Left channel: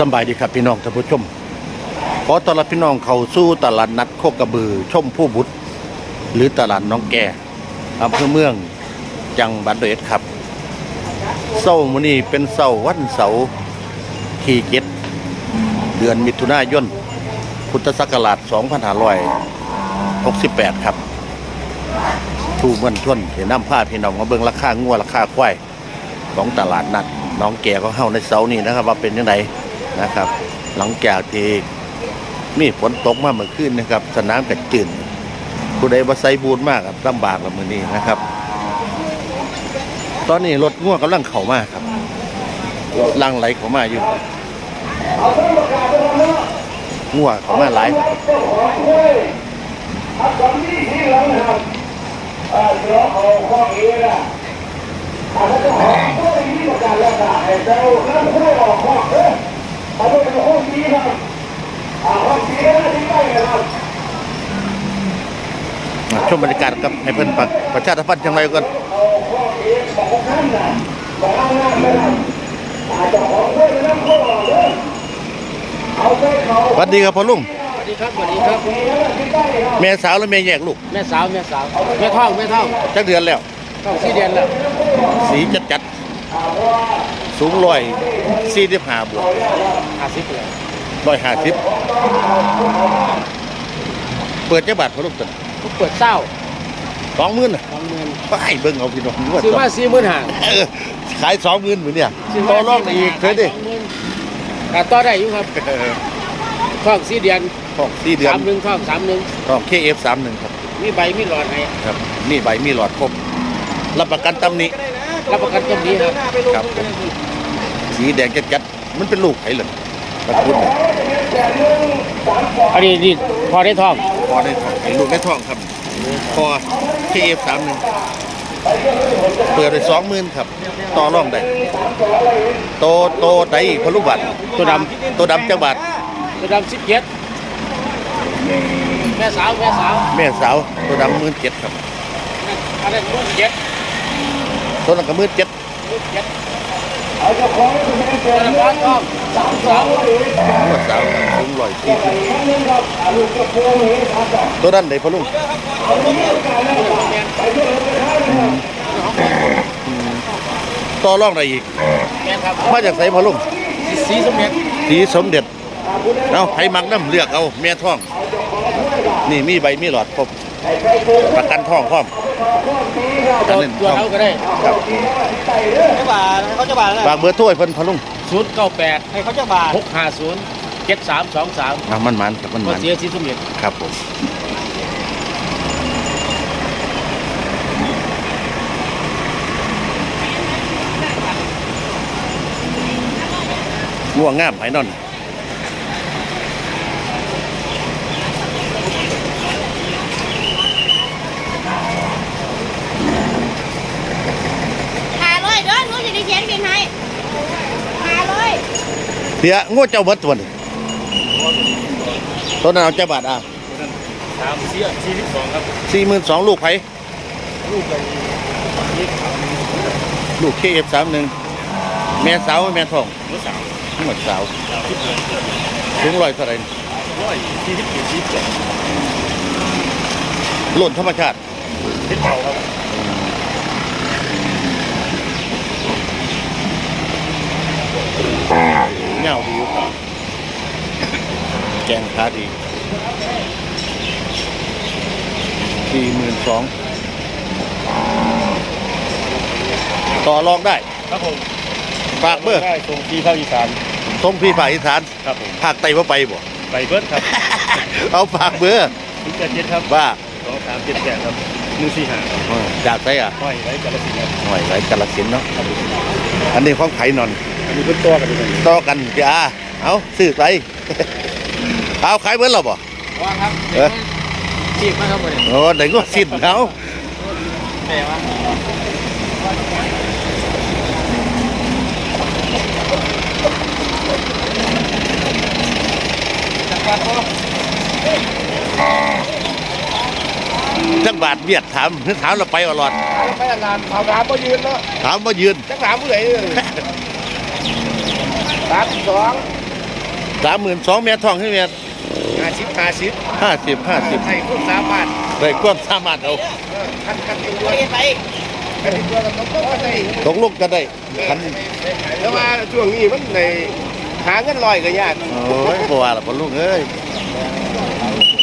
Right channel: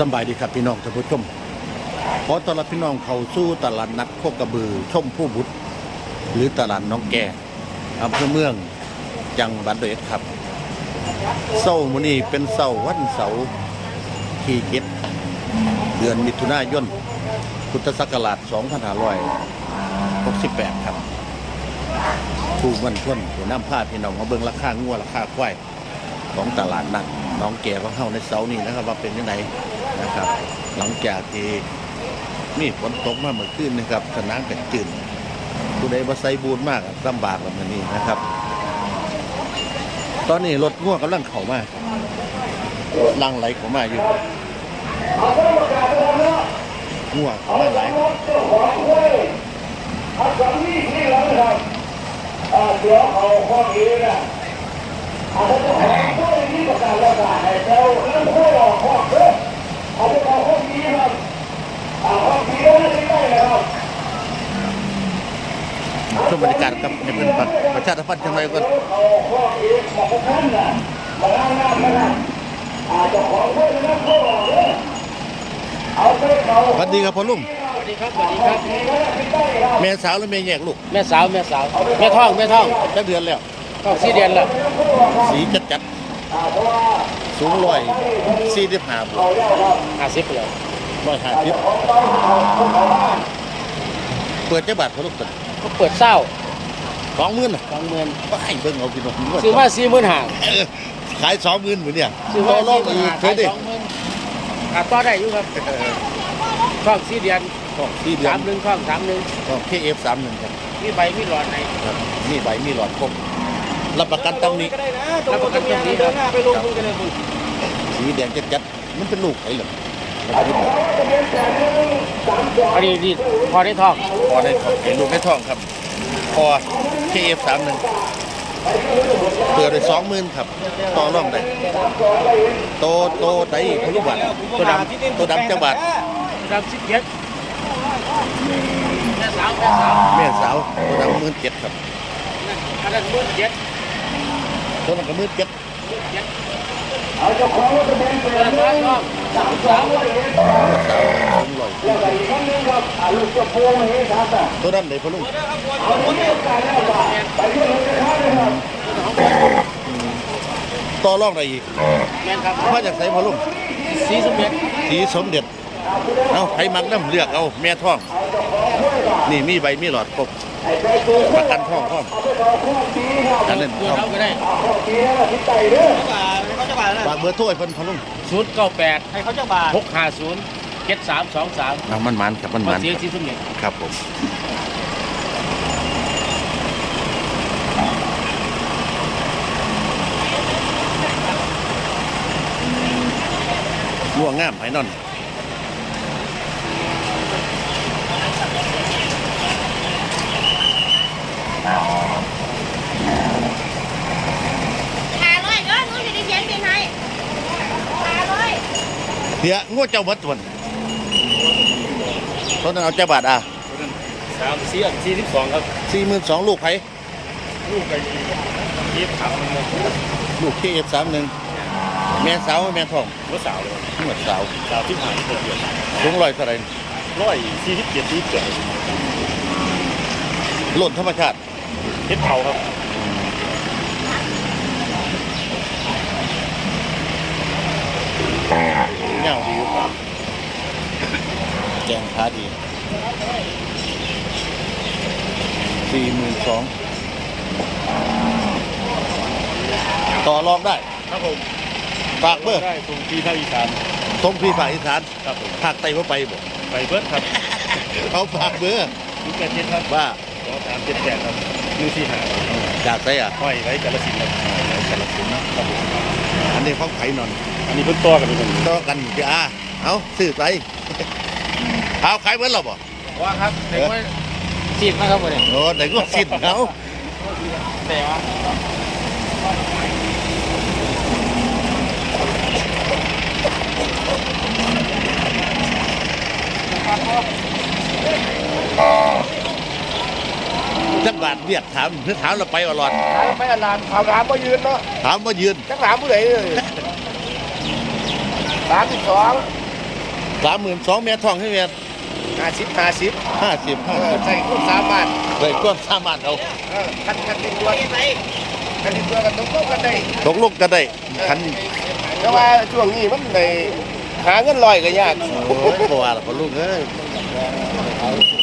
สบายดีครับพี่น้องท่านผู้ชมขอต้อนรับพี่น้องเข้าสู่ตลาดนัดโคกระบือชมผู้บุตร หรือตลาดน้องแก่อำเภอเมือง จังหวัดร้อยเอ็ดครับเสาร์มื้อนี้เป็นเสาร์วันเสาร์ที่เจ็ดเดือนมิถุนายนพุทธศักราช2568 ครับทูมืองชนเดี๋ยวน้ำผ้าพี่น้องมาเบิ่งราคางัวราคาควายของตลาดนัดน้องแก่ของเฮาในเสาร์นี้นะครับ ว่าเป็นยังไง นะครับ หลังจากที่มีฝนตกมาเมื่อคืนนะครับ สนามแต่จืดผู้ใดบ่ใส่บูนมากครับลำบากละมื้อนี้นะครับ ตอนนี้รถง่วกำลังเข้ามาครับลังไหลเข้ามาอยู่ง่วเข้ามาหลาย ครับมาชมบรรยากาศกับให้เพิ่นประประชาสัมพันธ์จังไรก่อนสวัสดีครับพ่อลุงสวัสดีครับสวัสดีครับแม่สาวและแม่แยกลูกแม่สาวแม่สาวแม่ท่องแม่ท่องจักเดือนแล้วท่องสี่เดือนแล้วสีจัดจัดๆสูงร้อยสี่สิบห้าบวก ห้าสิบเลยร้อยห้าสิบเปิดเจ้าบาทพ่อลุงตันปวดเศร้าสองหมื่นน่ะเงินไปเบิ่งเอาพี่น้องว่าซื้อสองมาสี่หมื่นห้าเออขายสองหมื่นเหมือนเนี่ยซื้อต่อมารองได้อีกขายเท่าดิสองหมื่นขาดต่อได้อยู่ครับเออท่องสี่เดือนของสี่เดือนสามหนึ่งท่องสามหนึ่งของเคเอฟสามหนึ่งครับมีใบมีหลอดให้ครับนี่ใบมีหลอดครบรับประกันตำหนี้รับประกันต้นนี้ครับครับผมสีแดงจัดจัดๆมันเป็นลูกไผ่เหรอ ตระกูลเนี่ยอันนี้นี่พอได้ท่องพอในท้องไอ้ลูกในท้องครับ พอเคเอฟสามหนึ่งเปิดไปสองหมื่นครับ ต่อรองได้โตโตได้พอลูกบัตรตัวดตัวดำจังบาทำตัวดำสิบเจ็ดแม่สาวแม่สาวแม่สาวตัวดำหมื่นเจ็ดครับอันนั้นตัวเจ็ดตัวนั้นก็หมื่นเจ็ดตัวนั้นบ้า นท่องสาวสาวครับสูงร้อยสี่สิบตัวนั้นได้พอลุงอืมต่อรองได้อีกมาจากไสพอลุงสีสมเด็จสีสมเด็จเอาไผมักน้ำเลือกเอาแม่ท้อง นี่มีใบมีหลอดครบประกันท้องพร้อมอันนั้นตัวท้องครับ เขาจะบาทฝากเบอร์โทรให้เพิ่นพอลุงศูนย์เก้าแปดให้เขาจะบาทหกห้าศูนย์เจ็ดสามสองสามอะมันมันครับมันมามันเสียชีสมเด็จครับผมง่วงงามไผนอน หาเลยเด้อหนูจะได้เขียนบินให้หาเลย เสียง่วงเจ้าเบิดตัวนี้ตัวนั้นเอาเจ้าบาทอะสามสี่สี่สิบสองครับสี่หมื่นสองลูกไผลูกกันยี่สามลูกเคเอฟสามหนึ่งแม่สาวแม่ทองเมื่อสามทั้งหมดสาวสามสิบห้าเกิดสูงร้อยเท่าไหรร้อยสี่สิบเจ็ดสี่สิบเจ็ดหล่นธรรมชาติทิศเท่า เงาดีอยู่ครับแกงขาดีสี่หมื่นสองต่อรองได้ ครับผมฝากเบอร์ได้ส่งที่ภาคอีสานทรงพี่ฝ่ายอีสานครับผมภาคใต้ว่าไปบ่ ไปเบิร์ดครับเอาฝากเบอร์ถึงแปดเจ็ดครับว่าสองสามเจ็ดแปดครับหนึ่งสี่ห้าครับเออจากไสอะห้อยไว้กาลสินธุ์ครับหน่อยไรกาลสินธุ์เนาะครับผมอันนี้ของไผ่นอน มีเป็นตัวกันอยู่ต่อกันจ้าเอาซื้อไปเอาขายเบิ้ลหรอบ่ว่าครับเด็กว่าจีบนะครับเลยโอ้ไหนก็สิ้นเอาจักบาทเบียดถามนึกถามเราไปตลอดถามไปนานถามถามมายืนเนาะถามมายืนจังถามผู้ใดเลย สามสิบสองสามหมื่นสองแม่ทองให้แม่ห้าสิบห้าสิบห้าสิบห้าสิบใช่คุณสามารถได้ความสามารถเอาคันคันตัวไปคันตัวกับตกก็ได้ตกลงก็ได้คันแต่ว่าช่วงนี้มันในหาเงินลอยก็ยากโอ้ยบัวละพ่อลูกเอ้ย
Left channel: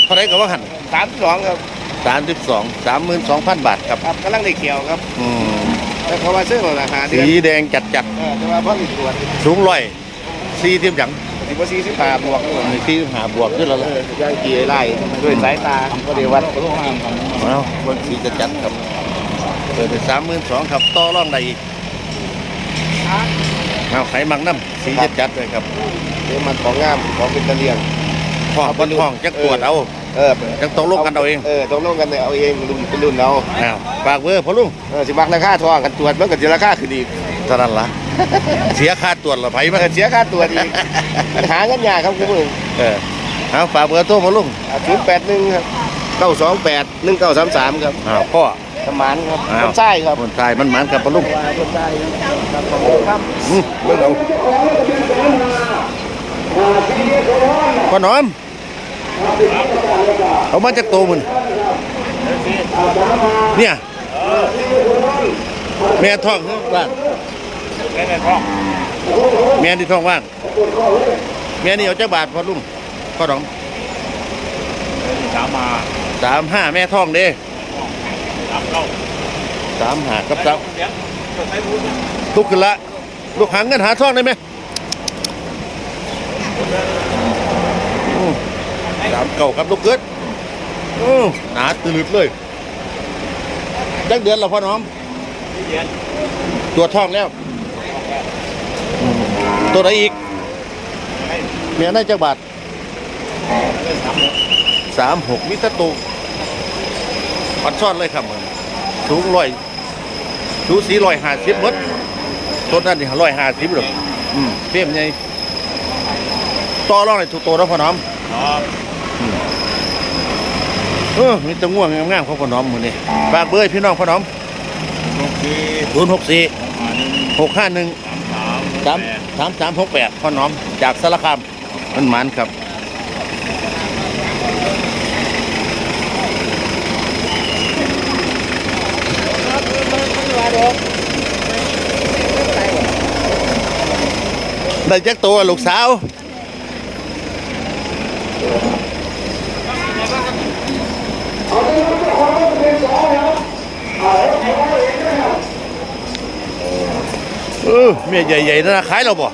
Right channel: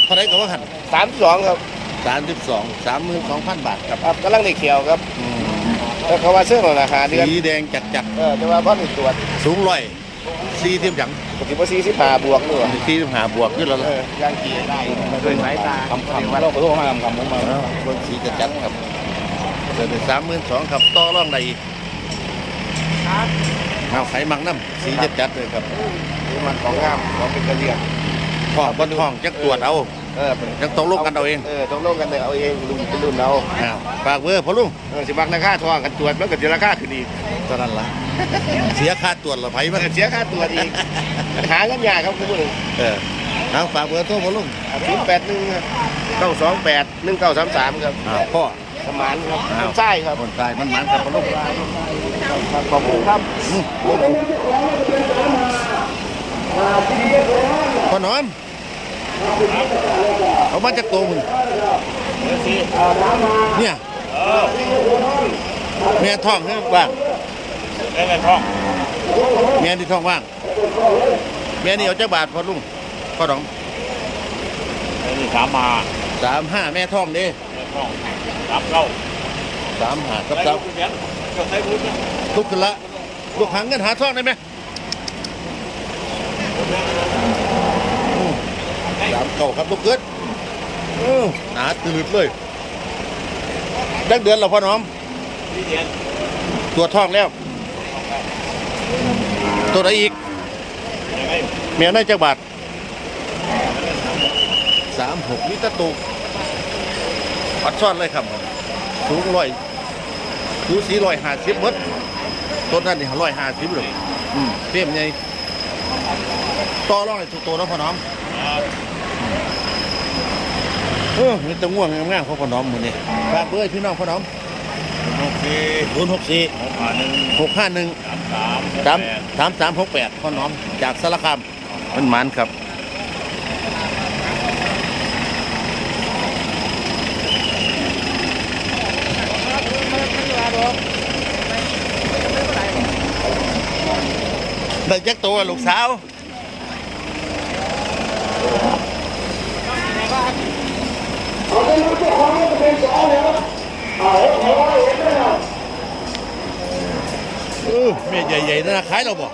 เท่าไหรก็ว่าหันสามสองครับสามสิบสองสามหมื่นสองพันบาทครับครับกำลังได้เขียวครับอืมแต่เขาว่าเสื้อราคาเดือนสีแดงจัดจัดเออแต่ว่าท่อนตัวๆสูงร้อย สี่สิบหยังสิบสี่สิบห้าบวกด้วยสี่สิบห้าบวกขึ้นแล้วล่ะย่างกี่ไร่ด้วยสายตาก็เดียววัดเอาเบิ่งสีจัดจัดๆครับเปิดไปสามหมื่นสองครับต่อร่องใดอีกเอาไฟมังน้ำสีจัดจัดๆเลยครับนี่มันของงามของเป็นตะเลียงห้องบนห้องจักตรวจเอา เออจักตกลงกันเอาเองเออตกลงกันเอาเองรุ่นเป็นรุ่นเอาอ้าวฝากเบอร์พ่อลุงเออสิบักราคาทองกันตรวจมันก็สิราคาคือดีเท่านั้นละเสียค่าตรวจละไผมัมันนก็เสียค่าตรวจอีกหาเงินยากครับคุณผู้ชมเออเอาฝากเบอร์โทรพ่อลุงศูนย์แปดหนึ่งครับเก้าสองแปดหนึ่งเก้าสามสามครับอ้าวพ่อประมาณครับอ้าวใช่ครับคนตายมันหมันครับพ่อลุงใช่ครับอืมเบิ่งเอาพ่อหนอม เอามาจากโตมันเนี่ยแม่ท้องคือว่างแม่ที่ท้องว่าง แม่นี่เอาจักบาทพ่อลุงพ่อหนอมถามมาสามห้าแม่ท้องเด้ถามเข้าสามหากับสามลุกขึ้นละลูกหางเงินหาท้องได้ไหมอืม สามเก่าครับลูกเกิดอือหนาตื่นเลยจักเดือนแล้วพ่อน้อมที่เดียนตัวจท้องแล้วอืมตัวไหนอีก เมียได้จักบาทสามหกสามหกวิตตุอัดซ่อนเลยครับมันสูงร้อยสูสีร้อยห้าสิบมดต้นนั้นนี่ร้อยห้าสิบหรอกอืมเปี้ยมไงต่อรองในตัวโตแล้วพ่อน้อมครับ เออมีแตะง่วงงามๆของพ่อน้อมมือนี่ฝากเบอร์ให้พี่น้องพ่อน้อมโอเคศูนย์หกสี่หกห้าหนึ่งหกห้าหนึ่ง สามสามสามสามสามหกแปดพ่อน้อมจากสารคามมันหมันครับได้จักตัวลูกสาว เออเมียใหญ่ๆนั่นนะขายเราบ่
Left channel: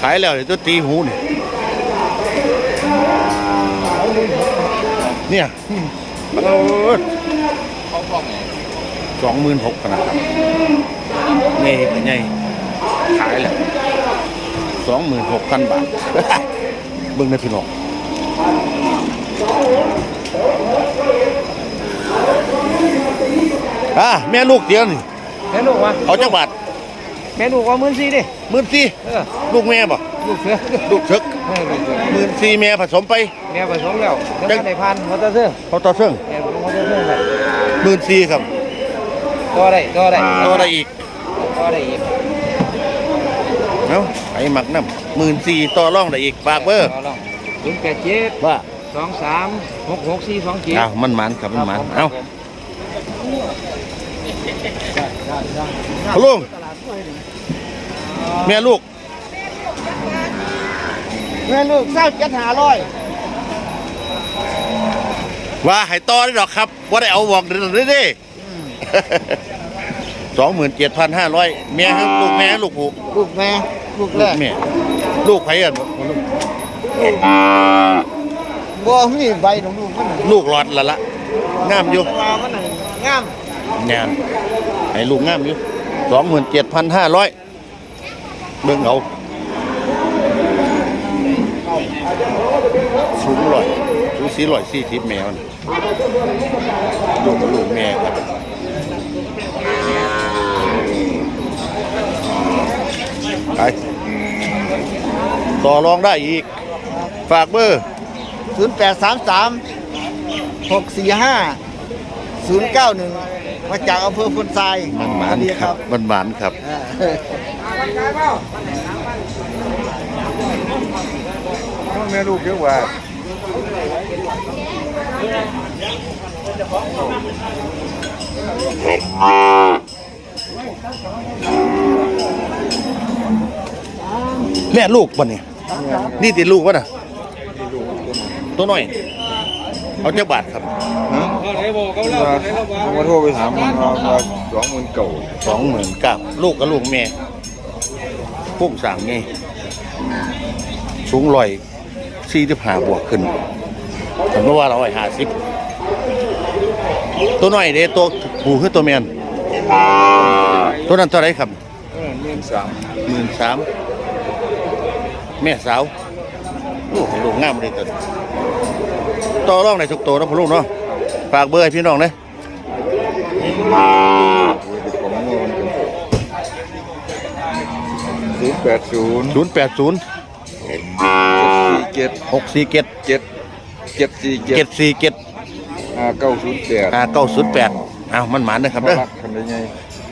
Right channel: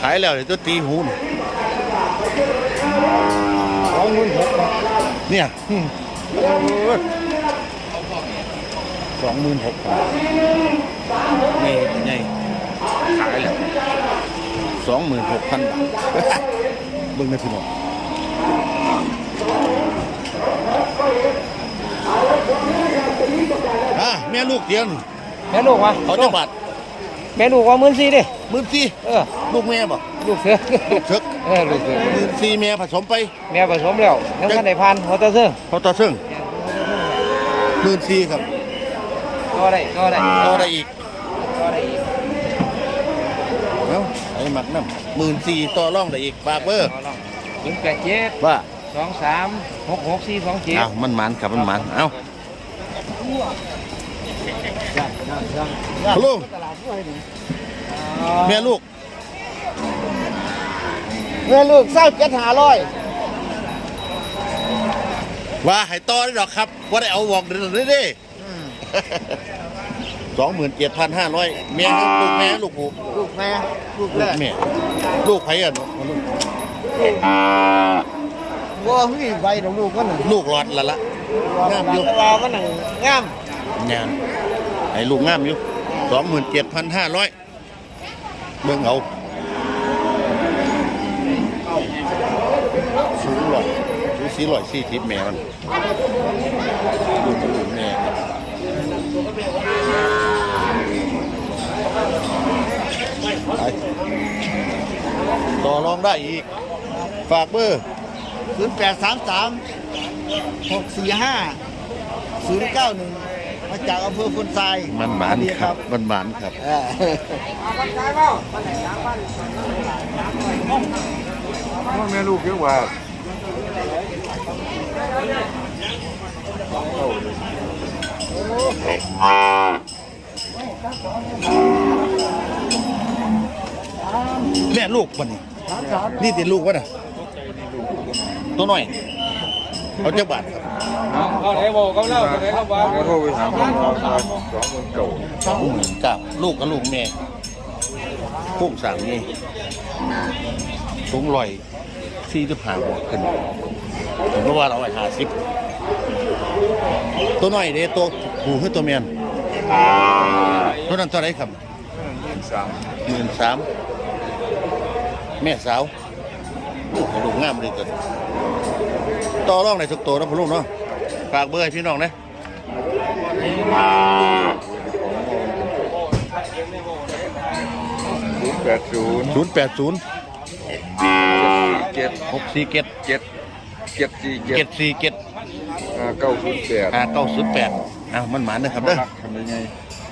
ขายแล้วเดี๋ยวตัวตีหูนี่เนี่ยเออสองหมื่นหกขนาดครับเงี้ยเป็นไงขายแล้วสองหมื่นหกพันบาทเบิ่งได้พี่น้อง อะแม่ลูกเดียวนี่แม่ลูกวะเอาจังบาทแม่ลูกว่ามื่นสี่ดิหมื่นสี่เออลูกแม่บ่ลูกเสือลูกเถิกแม่ลูกเสือหมื่นสี่แม่ผสมไปแม่ผสมแล้วแล้วในพันมอเตอร์ซึ่งพอต่อเสื่องแม่ผสมมอเตอร์ซึ่งเลยหมื่นสี่ครับตัวได้ตัวได้ต่อได้อีกตัวได้อีกเอ้าไอ้หมักน้ำหมื่นสี่ต่อร่องได้อีกฝากเบอร์ศูนย์แปดเจ็ดว่า สองสามหกหกสี่สองเจ็ดอ้าวมันหมันครับมันหมันเอ้าพะลุงแม่ลูก แม่ลูกไส้เป็ดหาร้อยว่าให้ต่อได้ดอกครับ ว่าได้เอาบอกเด้อเด้สองหมื่นเจ็ดพันห้าร้อยแม่ครับลูกแม่ลูกผู้ลูกแม่ลูกลูแม่กแม่ ลูกไผ่อะบ่ลูก บัวมีใบของลูกมันลูกหลอดละละงามอยู่ว่ามันงามงานให้ลูกงามอยู่สองหมื่นเจ็ดพันห้าร้อยเบิ่งเอาสูงร้อยสูงสี่ร้อยสี่สิบแม่มันลูกกับลูกแม่ครับไปต่อรองได้อีก ฝากเบอร์ ศูนย์แปดสามสามหกสี่ห้าศูนย์เก้าหนึ่งมาจากอำเภอพนทรายมันหมานดีครับ มันหมานครับเออแม่ลูกเยอะกว่าแม่ลูกบ่เนี่ยนี่ติดลูกวะน่ะ ตัวน้อย เอาเจักบาทครับเขาไหนบอกเขาเล่าไหนเขาว่าเขาโทรไปถามเอาสองหมื่นเก่าสองหมื่นเก้าลูกกับลูกแม่พุ่งสั่งนี่สูงร้อยสี่สิบห้าบวกขึ้นผมว่าเราไอ้ห้าสิบตัวน้อยเด้ตัวผูคือตัวแมนตัวนั้นเท่าไรครับหมื่นสามหมื่นสามแม่สาวโอ้ให้ลูกงามเลยตัวนี้ ต่อรองในทุกตัวนะพ่อลูกเนาะฝากเบอร์ให้พี่น้องเนี่ยศูนย์แปดศูนย์ศูนย์แปดศูนย์เจ็ดหกสี่เจ็ดเจ็ดเจ็ดสี่เจ็เจ็ดดสี่เจ็ดอ่าเก้าศูนย์แปดอ่าเก้าศูนย์แปดอ้าวมันหมานนะครับเด้อทำได้ไง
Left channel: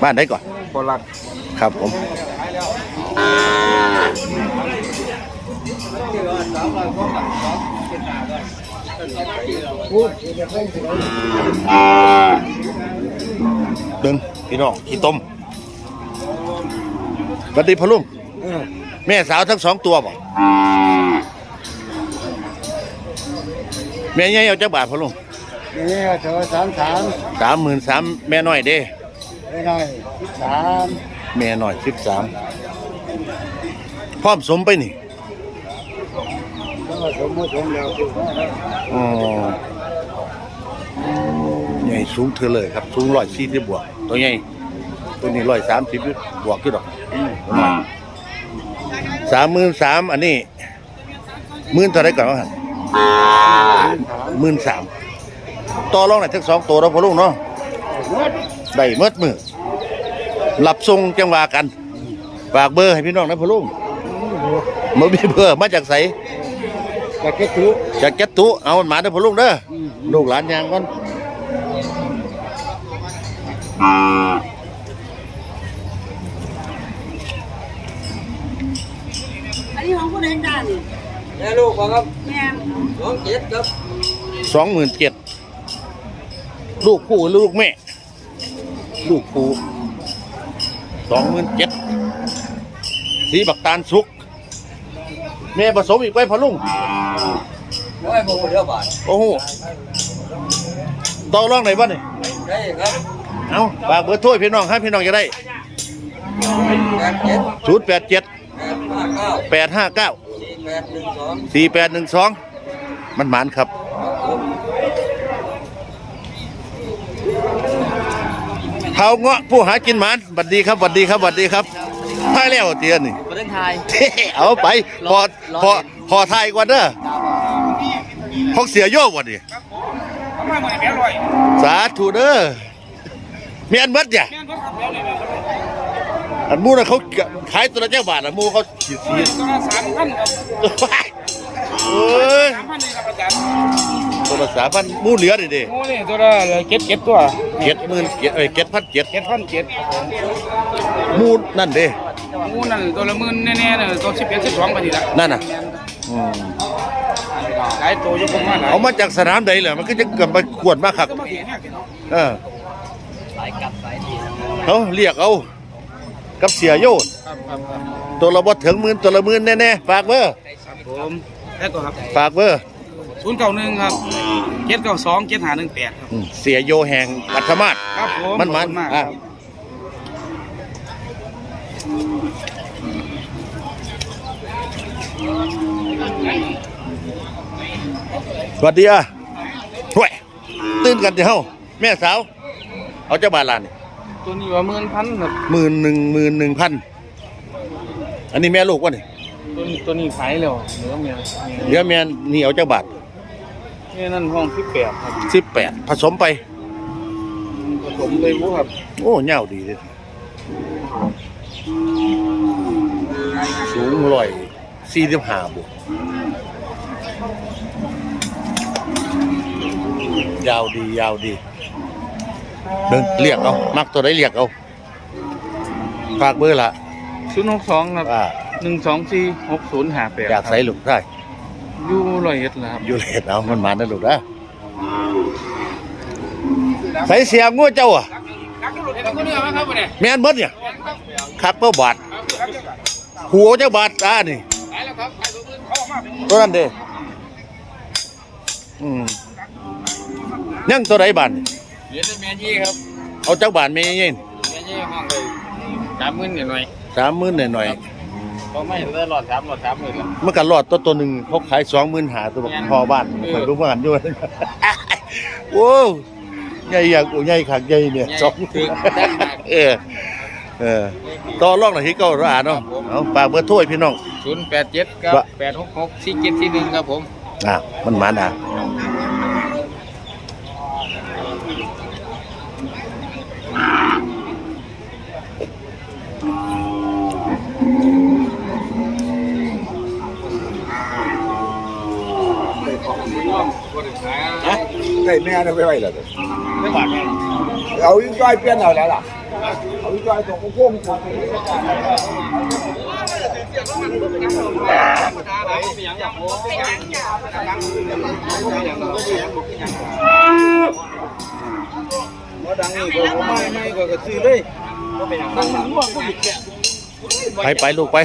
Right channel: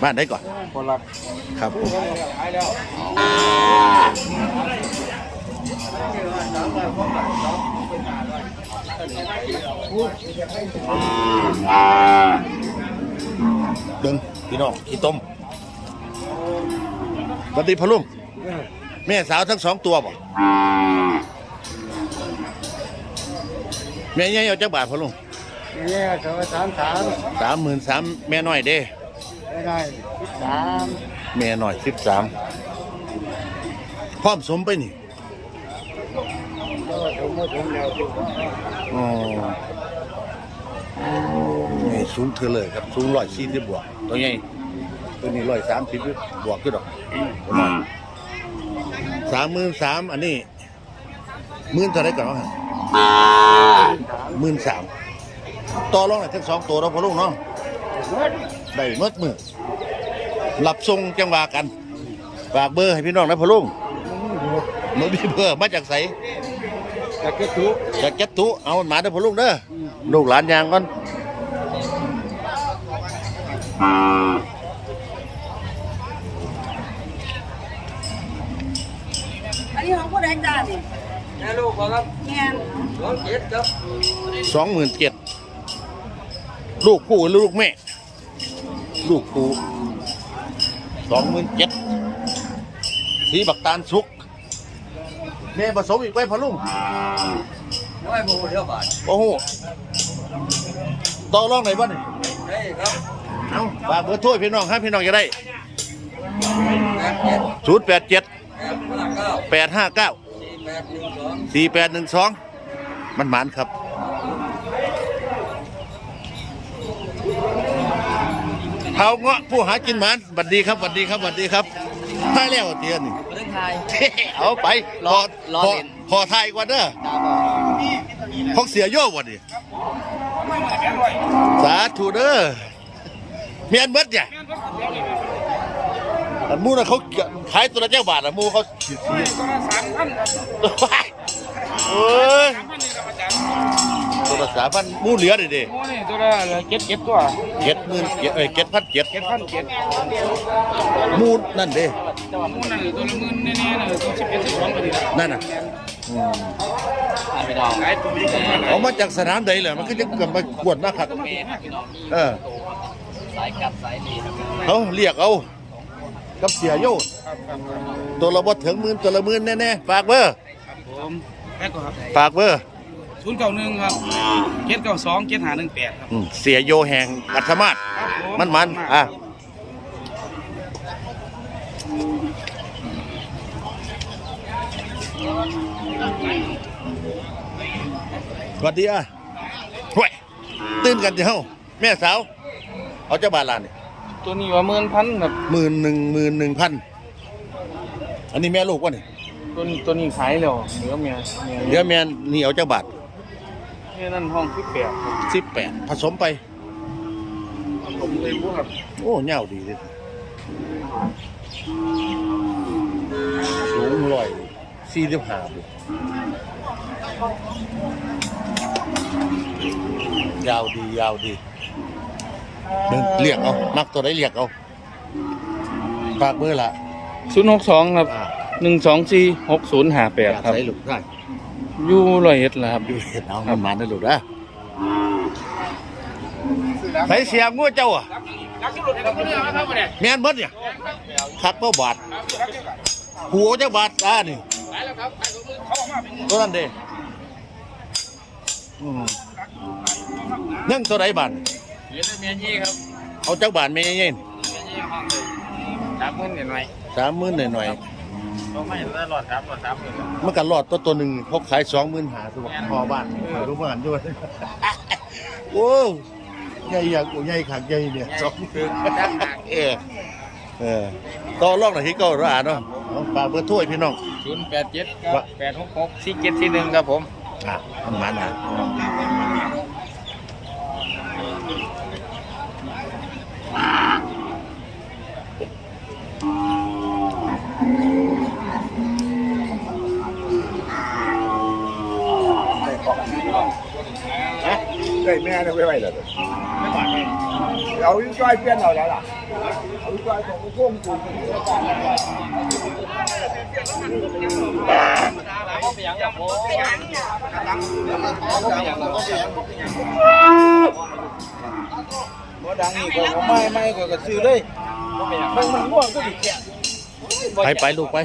บ้านได้ก่อน พอรัก ครับผมเดินพี่น้องขี้ต้มสวัสดีพ่อลุงแม่สาวทั้งสองตัวบ่แม่ใหญ่เอาจักบาทพ่อลุงนี่เธอสามสามสามหมื่นสามแม่น้อยเด้ไม่ได้สามแม่น้อยสิบสามพร้อมสมไปนี่ สมมติผมแล้วอ๋อใหญ่สูงเธอเลยครับ สูงร้อยสี่สิบบวก ตัวใหญ่ตัวนี้ร้อยสามสิบบวกขึ้นดอกตัวน้อยสามหมื่นสามอันนี้หมื่นเท่าไรก่อนครับหมื่นสามต่อรองไหนอยทั้งสองตัวเราพอลูกเนาะได้เมื่อมือหลับทรงจังหวะกันฝากเบอร์ให้พี่น้องนะพอลุงมามีเบอร์มาจากไส แต่แค่ทุกจากแก๊ตตุเอามันมาเด้อพ่อลูกเด้ออลูกหลานยางก่อนอันนี้ของผู้ใดจ้านี่แม่ลูกครับแม่สองเจ็ดครับสองหมื่นเจ็ดลูกผู้หรือลูกแม่ ลูกผู้สองหมื่นเจ็ดสีบักตาลสุก แม่ผสมอีกไปพ่อลุงร้อยโมงเดียวบาทโอ้โหต่อรองไหนบ้างนี่ได้ครับเอาฝากเบอร์โทรให้พี่น้องครับพี่น้องจะได้แปดเจ็ดศูนย์แปดเจ็ดแปดห้าเก้าแปดห้าเก้าสี่แปดหนึ่งสองสี่แปดหนึ่งสองมันหมานครับเท้าเงาะผู้หากินหมานบัดดีครับบัดดีครับบัดดีครับ พาแล้วเตียนี่ประเทศไทย เอาไปพอพอพอไทยก่อนเด้อพกเสียโย่บ่ดิสาธุเด้อเมียนเบิดเนี่ยอันมูน่ะเขาขายตัวละเจ้าบาทอะมูเขาสีสีตัวไปโอ้ยตัวละสามพันมูเหลือดิเด้อตัวละเก็ดเก็ดตัวเจ็ดหมื่นเจ็ดเอ้ยเจ็ดพันเจ็ดเก็ดพันเก็ดมูนั่นเด้ หมูนั่นตัวละหมื่นแน่ๆเลยตัวสิบเอ็ดสิบสองไปทีละนั่นน่ะ อืมขายตัวอยุ่งมากหลายเอามาจากสนามใดเหรอมันก็จะเกิดมาขวดมาคัก ก็มาเห็นมากเนาะเออเขาเรียกเอากับเสียโยนครับครับครับตัวละบ่ถึงหมื่นตัวละหมื่นแน่ๆฝากเบอร์ครับผมแล้วก็ครับฝากเบอร์ศูนย์เก้าหนึ่งครับเก็ดเก้าสองเก็ดหาหนึ่งแปดครับอืมเสียโยแห่งปัทมาศครับผมมันมันอะ สวัสดีอะห่วยตื่นกันเดี๋ยวแม่สาว เอาเจ้าบาทลานนี่ตัวนี้ว่าหมื่นพันครับหมื่นหนึ่งหมื่นหนึ่งพันอันนี้แม่ลูกวะนี่ตัวนี้ตัวนี้ขายแล้วเหลือเมียเดี๋ยวแม่นี่เอาเจ้าบาทเมียนั่นห้องสิบแปดครับสิบแปดผสมไปผมเลยบุครับ โอ้เงาดีเลย สูงร้อยสี่สิบห้าบวกยาวดียาวดีเดินเรียกเอา มักตัวได้เรียกเอา ฝากเบอร์ละศูนย์หกสองครับอ่าหนึ่งสองสี่หกศูนย์ห้าแปดอยากใส่ลูกได้อยู่ร้อยเอ็ดแล้วครับอยู่เลดเอามันมานะลูกนะใส่เสียงงูเจ้าอะแม่นบดเนี่ย คักเป้าบาทหัวเจ้าบาทอ่านี่ตัวนั้นเด้อืมยังตัวไหนบาทเหรียญเมียยี่ครับเอาเจ้าบาทไม่เย็นเมียยี่ห้องเลยสามหมื่นหน่อยสามหมื่นหน่อยเขาไม่ได้หลอดสามหลอดสามหมื่นๆเมื่อกันรอดตัวตัวหนึ่งเขาขายสองหมื่นหาตัวบอกพอบ้านคอยรู้ว่ากันด้วยโว้วใหญ่อยากโอ้ใหญ่ขักใหญ่เนี่ยสองเออ เออต่อรองหน่อยที่เก้าร้านเนาะเอาฝากเบอร์โทรให้พี่น้อง ศูนย์แปดเจ็ดครับแปดหกหกสี่เจ็ดสี่หนึ่งครับผม อะมันมาด่าได้แม่ได้ไปไว้แล้วเด้อเอาอีกจ้อยเปลี่ยนเอาแล้วล่ะ ดังนี่ก็ไม่ไม่ก็กระซื้อเลยตั้งมันง่วงก็บิดแกไปไปลูกไป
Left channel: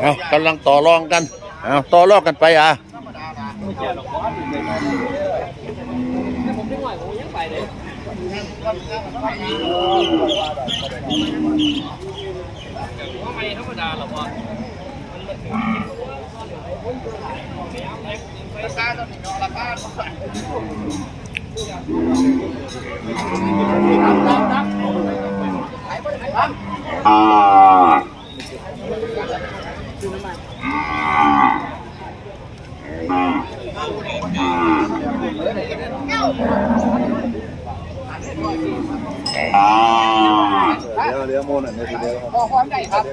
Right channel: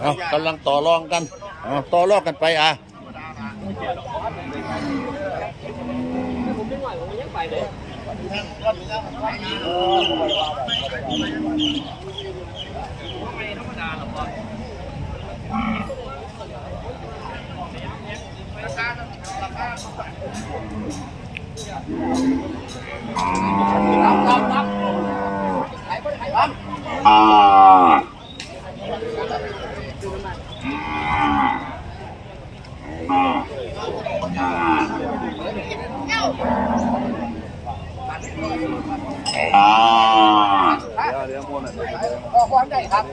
เอากำลังต่อรองกันเอาต่อรองกันไปอะ เดี๋ยวเดี๋ยวโมนั่นได้ดีเด้อพอความได้ครับ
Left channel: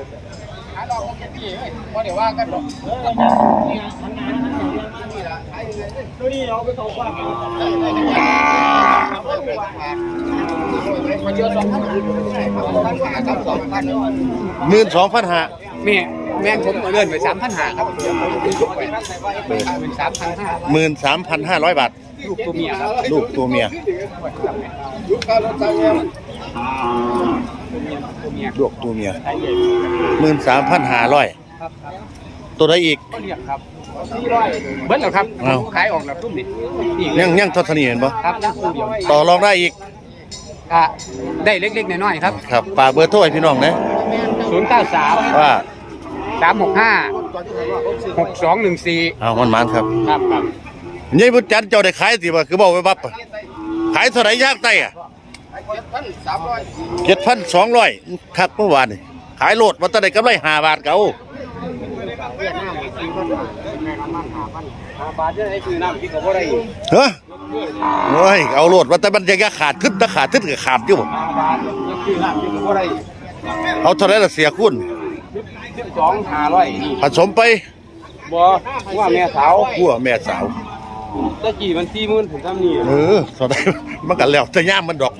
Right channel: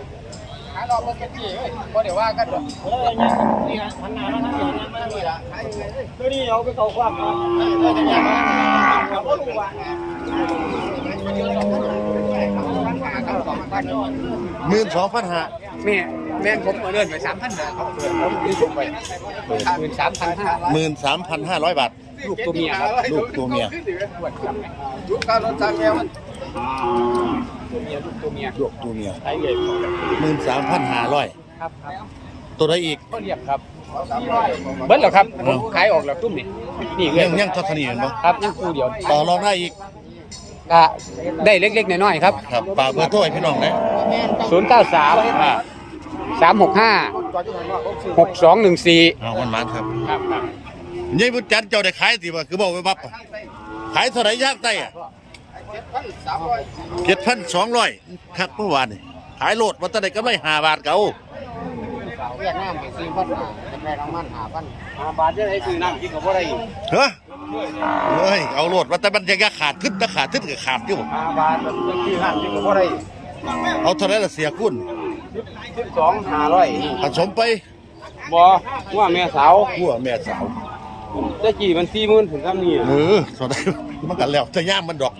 หายรอบรถเป็นที่เอ้ยพอเดี๋ยวว่ากันหรอกเออยังนี่ไงหันหน้ามาทางนี้ยังมาทางนี้ละตัวนี้เอาไปเข้าความได้ได้จังหวะมันเยอะสองพันครับสองพันหมื่นสองพันห้าแม่แม่ผมเอาเลื่อนไปสามพันห้าครับเปิดไปเป็นสามพันห้าหมื่นสามพันห้าร้อยบาทลูกตัวเมียครับลูกตัวเมียยุคการรถจักร แม่มันตัวเมียลูกตัวเมียไทยใหญ่หมื่นสามพันห้าร้อยครับตัวใดอีกเรียบครับเบิ้ลเหรอครับอ้าวขายออกแล้วคุ้มนี่นี่เลยัยงยังเท่านี้เห็นปะครับยังคู่เดียวต่อรองได้อีกก็ได้เล็กๆน้อยๆครับครับฝากเบอร์โทรให้พี่น้องนะศูนย์เก้าสามว่าสามหกห้าหกสองหนึ่งสี่เอามันมันครับครับครับนี่บุญจันทร์เจ้าได้ขายสิบ่คือบอกไว้บับอะขายเท่าไหร่ยากไต้อะ เจ็ดพันสามร้อยเจ็ดพันสองร้อยครับเมื่อวานนี่ขายโหลดวันตะได้กำไรห้าบาทเก่าเวียดนามสี่พันห้าแม่น้ำมันห้าพันบาทเยอะไอ้คือน้ำกินกับว่าไรเฮ้ยโอ้ยเอาโหลดวันแต่มันจะขาดขึ้นตะขาดขึ้นกับขาดอยู่บ่ห้าบาทยังกินน้ำกินกับว่าไรเอาเท่าไหร่ละเสียคุณสิบสองห้าร้อยผสมไปบ่ว่าแม่สาวกัวแม่สาวตะกี้มันสี่หมื่นผมทำนี่เออเท่าไหร่มันกันแล้วจะย่ามมันดอก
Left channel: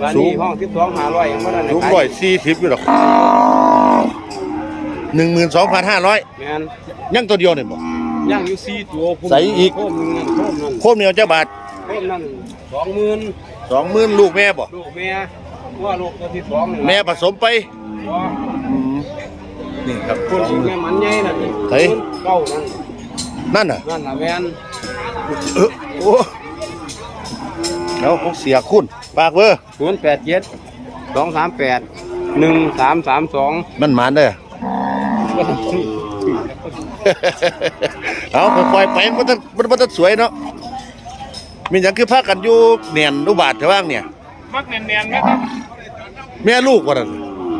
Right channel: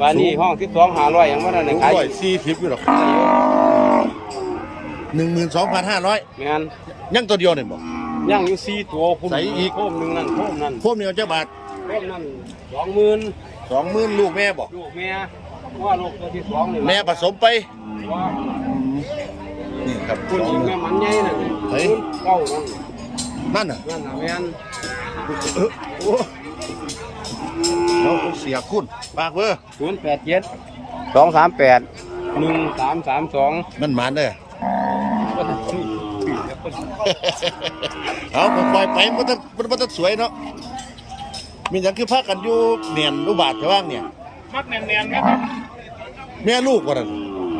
วันนี้ห้องสิบสองห้าร้อยยังไม่ได้ลูกร้อยสี่สิบอยู่ดอกหนึ่งหมื่นสองพันห้าร้อยแม่นยังตัวเดียวเนี่ยบ่ย่างอยู่สี่ตัวผมใส่อีกโคมหนึ่งนั่นโคมนั่นโคมเดียวเจ้าบาทโคมนั่นสองหมื่นสองหมื่นลูกแม่บ่ลูกแม่ว่าลูกตัวที่สองนี่แม่ผสมไปว่าอืมนี่ครับคนสองที่หมื่แม่นมันใหญ่นั่นเฮ้ยเก้านั่นนั่นน่ะนั่นน่ะแม่นเออโอ้ แล้วเขาเสียคุณฝากเบอร์ศูนย์แปดเจ็ดสองสามแปดหนึ่งสามสามสองมันหมานเด้อ เอาค่อยๆไปมันจะมันมันจะสวยเนาะมีอย่างคือพากันอยู่เนียนอุบาทจะว่างเนี่ย มักแน่นๆไหมครับแม่ลูกว่านั่น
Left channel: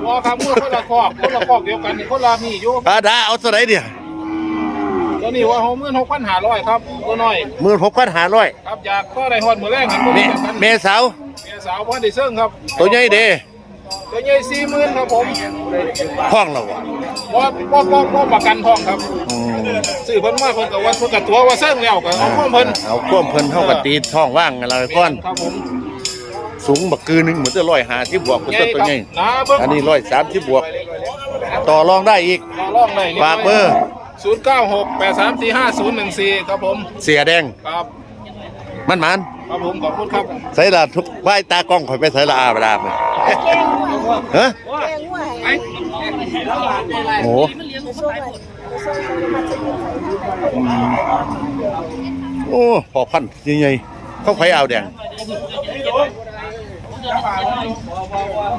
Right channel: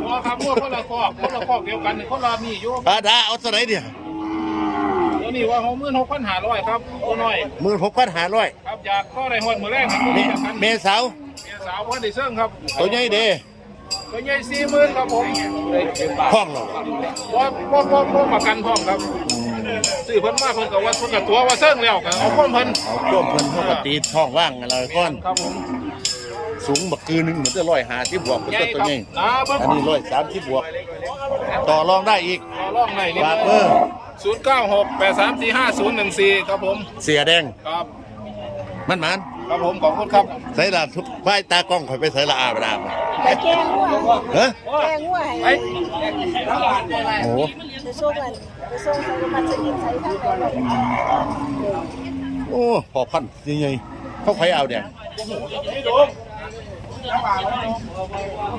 ว่าครับมือคนละคอกคนละคอกเดียวกันนี่คนละนี่อยู่อาดาเอาตัวไหนเนี่ย ตัวนี้ว่าหกหมื่นหกพันห้าร้อยครับตัวน้อยหมื่นหกพันห้าร้อยครับอยากก็ได้หอดมือแรกครับแม่แม่สาวแม่สาวพันดิเซิงครับ ตัวใหญ่เด้ตัวใหญ่สี่หมื่นครับผมห้องเราอะว่าว่าว่าว่าประกันทองครับอืมซื้อเพิ่นมาเพิ่นกับว่าเพิ่นกับตัวว่าเซิงแล้วกับเอาข้อมเพิ่นเอาควมเพิ่นเท่ากับตีท้องว่างอะไรก้อนครับผมสูงบักกือหนึงเหมือนจะร้อยหาที่บวกเป็นต้นตัวใหญ่นะเบิ้งอันนี้ร้อยสามที่บวก ต่อรองได้อีกรอบหน่อยฝากเบอร์ ศูนย์เก้าหกแปดสามสี่ห้าศูนย์หนึ่งสี่ครับผม เสียแดงครับ มันมันครับผมขอบคุณครับใส่ละทุกป้ายตากล้องคอยไปใส่ละอาเวลาไปฮะโอ้อืมโอ้พอพันยังไงเขาไผเอาแดง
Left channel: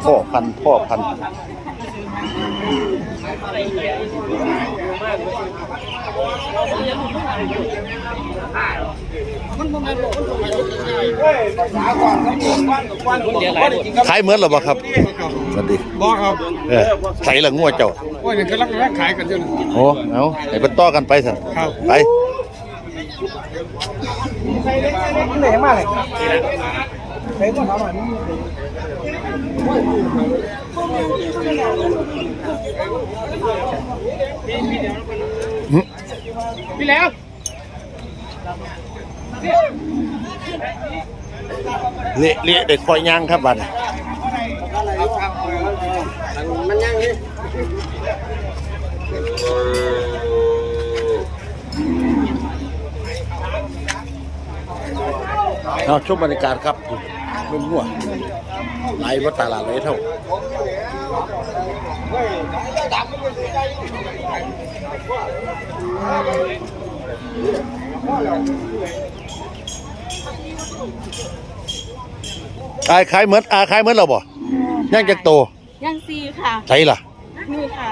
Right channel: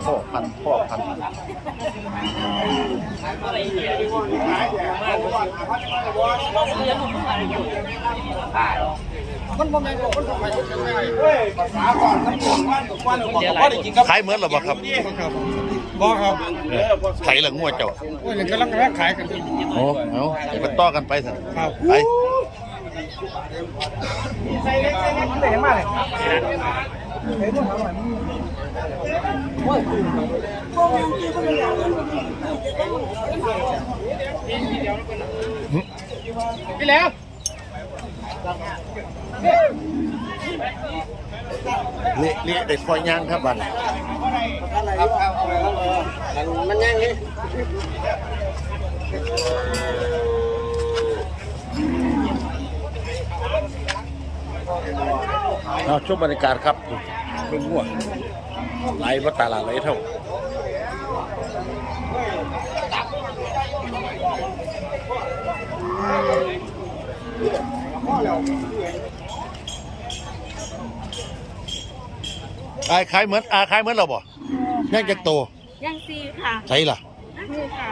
พ่อพันพ่อพันขายเหมือนหรอบ่ครับสวัสดีบอกครับเออใส่ละงัวเจ้าว่าอย่างกำลังแลกขายกันอยู่โอ้เอาไปเป็นต่อกันไปสิครับไป พี่แล้วเละเละเด็กคอยย่างครับบัดมันยังนี่เอาชมบรรยากาศครับเป็นงัว หลว่าตลาดไหลเท่าอาขายเหมือนอาขายเหมือนเราบ่ย่างจะโตยังซีค่ะใช่ล่ะนี่ค่ะ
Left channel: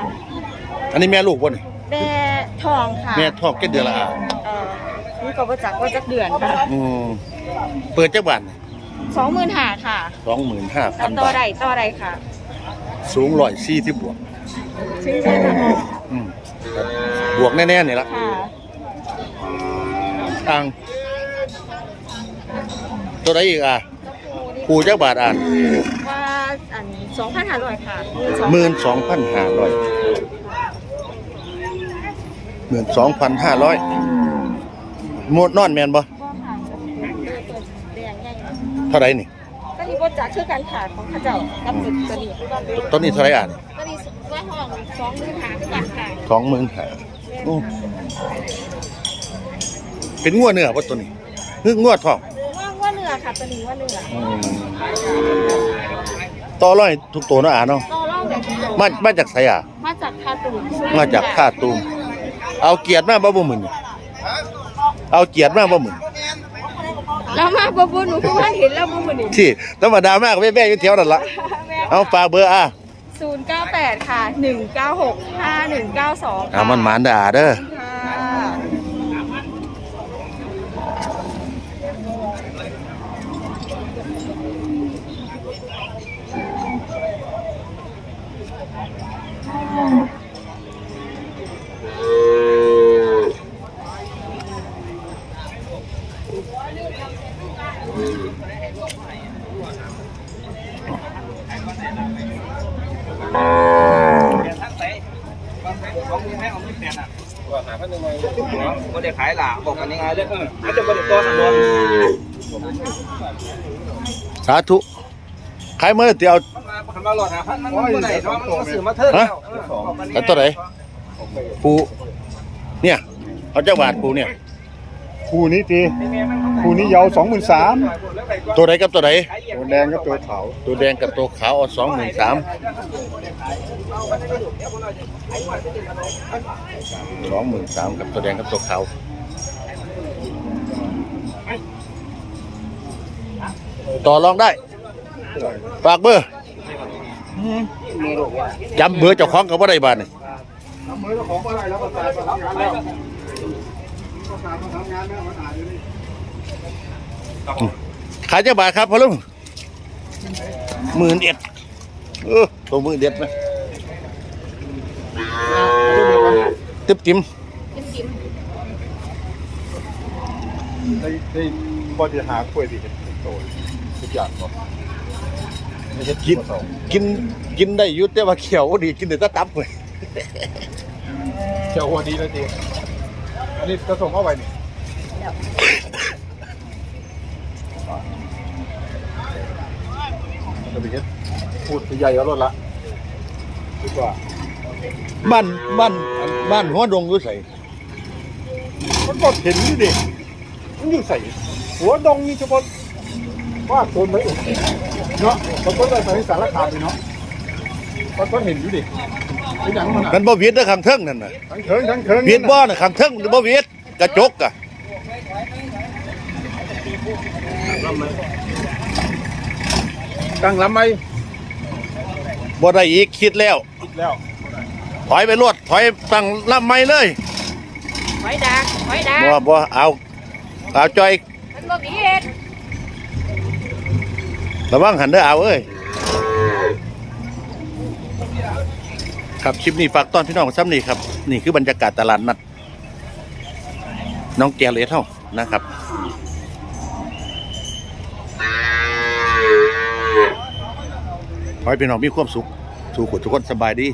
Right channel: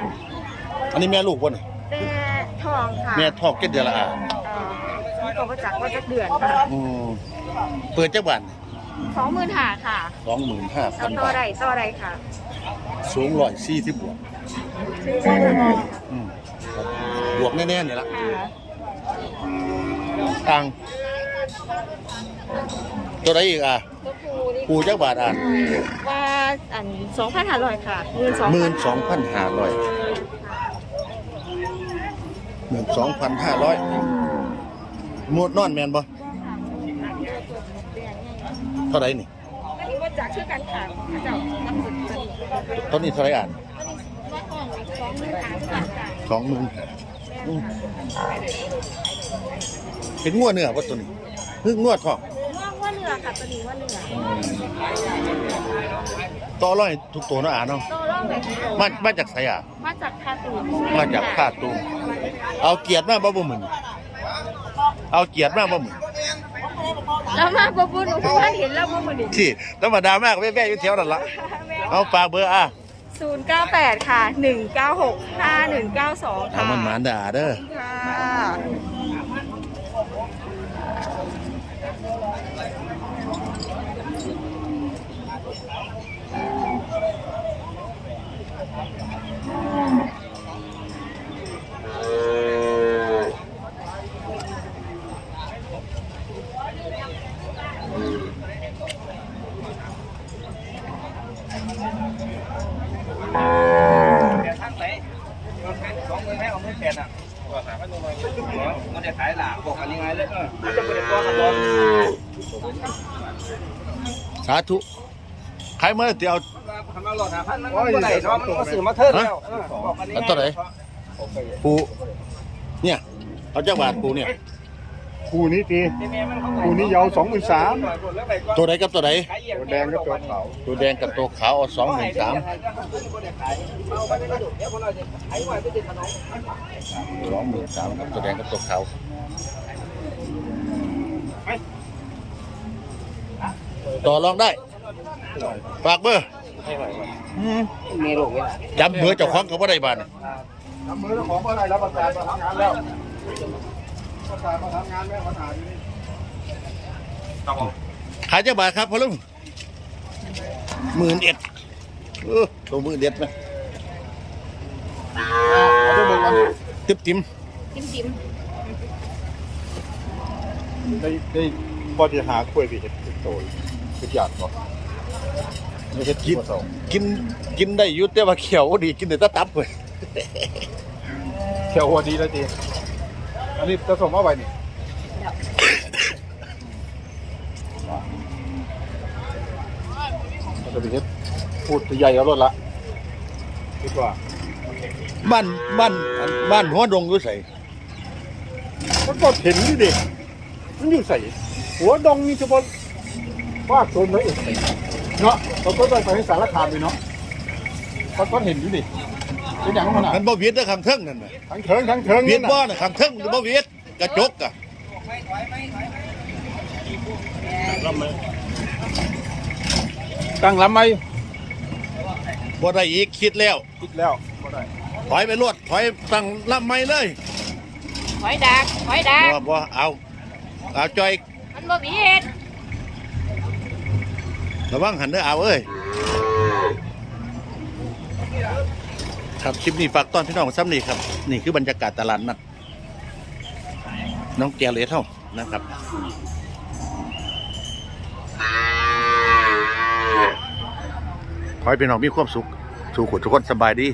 อันนี้แม่ลูกวะนี่แต่ทองค่ะแม่ทอกแค่เดือนละอาเอ่อนี่ก็ประจักษ์ว่าจักเดือนค่ะอืมเปิดจักบาท สองหมื่นหาค่ะสองหมื่นห้าพันต่อบาทใดต่อใดค่ะสูงร้อยสี่ที่บวก ชื่อแค่ทองอืมครับบวกแน่ๆนี่ละค่ะอ่างตัวไหนอีกอะก็คือนี่คูจักบาทอะว่าอันสองพันห้าร้อยค่ะหมื่นสองพันห้าร้อยค่ะหมื่นสองพันห้าร้อยหมดนอนแมนบ่ ก็ค่ะแดงใหญ่ เท่าไหรนี่ก็นี่ประจักษ์คือการขายของเขาเจ้ากับสิบจะหนีด้วยบ้านเลยต้นนี้เท่าไหรอะก็นี่ว่าห้องสองหมื่นหาคือการขายสองหมื่นห้าอู้เป็นงัวเนื้อป่ะตัวนี้คืองวดทองว่าว่าเนื้อค่ะตัวนี้ว่าเนื้ออืมต่อร้อยทุกตัวเนาะอะเนาะต่อรองแต่มามาจากไสอะมาจากคาตูนมาจากท่าตูมเอาเกียรติมาบ่บ่หมื่นเอาเกียรติมาบ่หมื่น แล้วมาบ่บุญเพราะว่าเห็นแล้วบุญนี่ที่ธรรมดามากแม่ๆอยู่แถวนั่นละเอาฝากเบอร์อะศูนย์เก้าแปดค่ะหนึ่งเก้าหกห้าหนึ่งเก้าสองค่ะเอามันหมานด่าเด้อ ค่ะ ว่าหาพันหนึ่งเลยไม่ได้ขายหล่ะบอกกันยังไงเลยเอออาจจะไม่ได้ตัวกันเลยสาธุขายเมื่อเตียวมาคันมาหลอดหาพันมันไม่ได้สองมันสื่อมาเทิดแล้วแล้วตัวไหนปูเนี่ยเอาจักบาทปูเนี่ยคู่นี้ทีคู่นี้ยาวสองหมื่นสามตัวไหนกับตัวไหนตัวแดงก็ตัวขาวตัวแดงกับตัวขาวเอาสองหมื่นสาม สองหมื่นสามกับตัวแดงกับตัวขาวต่อรองได้ ฝากเบอร์จำเบอร์เจ้าของกับว่าได้บ้านนี่ทำมือเจ้าของอะไรแล้วประกาศมาทำงานแล้วประกาศมาทำงานแล้วมาถ่ายขายเจ้าบาทครับพ่อลุงหมื่นเอ็ดเออตัวหมื่นเอ็ดไหม ติ๊บจิ้มจิ้มจิ้มได้ได้พอจะหากล้วยที่เห็นโตทุกอย่างก่อนไม่ใช่กินกินกินได้อยุแต่ว่าเขียวดีกินแต่ตะตับเลยแค่หัวดีแล้วจีอันนี้จะส่งมาไว้นี่จะไปเฮ็ดพูดใหญ่เอารถละดีกว่า บ้านบ้านบ้านหัวดงอยู่ไสมันกดเห็นนี่ดิมันอยู่ใส่หัวดงนี่เฉพาะว่าโซนเลยเนาะเราต้องไปใส่สารคามเลยเนาะมันก็เห็นอยู่ดิเป็นอย่างนั้นมันบ่เวียดเด้อข้างเทิงนั่นน่ะทั้งเทิงทั้งเทิงเวียดบ่น่ะข้างเทิงหรือบ่เวียดกระจกอะกังลำไหมบ่ได้อีกคิดแล้วคิดแล้ว ถอยไปรวดถอยตั้งลำไม่เลยไม่ดักไม่ดักบ่บ่เอาเอาจอยมันบ่มีเอ็ดระวังหันเด้อเอาเอ้ยครับคลิปนี้ฝากตอนพี่น้องซ้ำนี่ครับ นี่คือบรรยากาศตลาดนัดน้องแกเลสเท่านะครับขอให้พี่น้องมีความสุขทุกคนทุกคนสบายดี